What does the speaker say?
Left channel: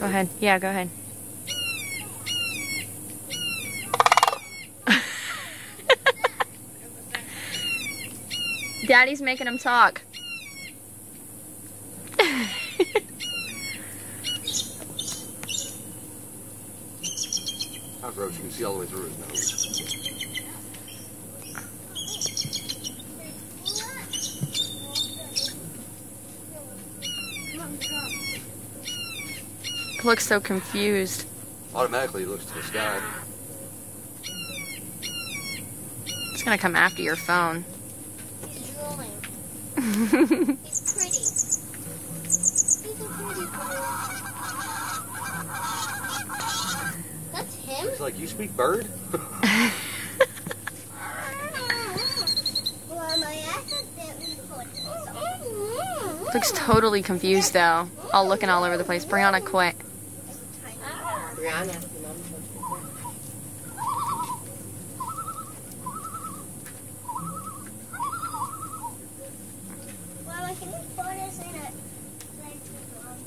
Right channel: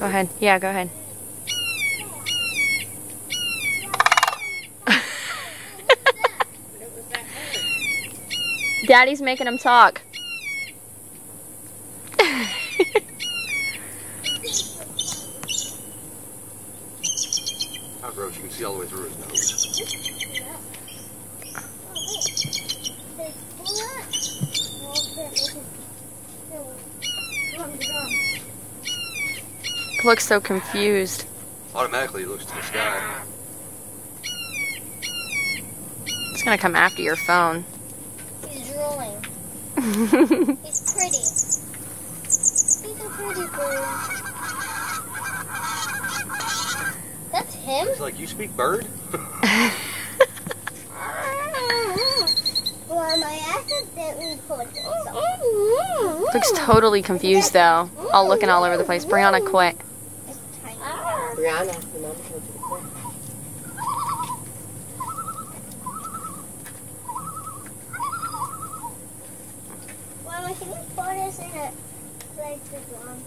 Go ahead. Yeah, go ahead. Daddy's making him talk. How gross, you can see all the way through his nose. Looks so confused. Automatically he looks to the sky. It's gonna come after your phone. He's drooling. He's pretty. He's a pretty boy. That's him? It's like, you speak bird? Looks totally confused though. All looking all over the place. Brianna, quit. Brianna, your mom told you to quit. Mama, can you pour this in the like this long?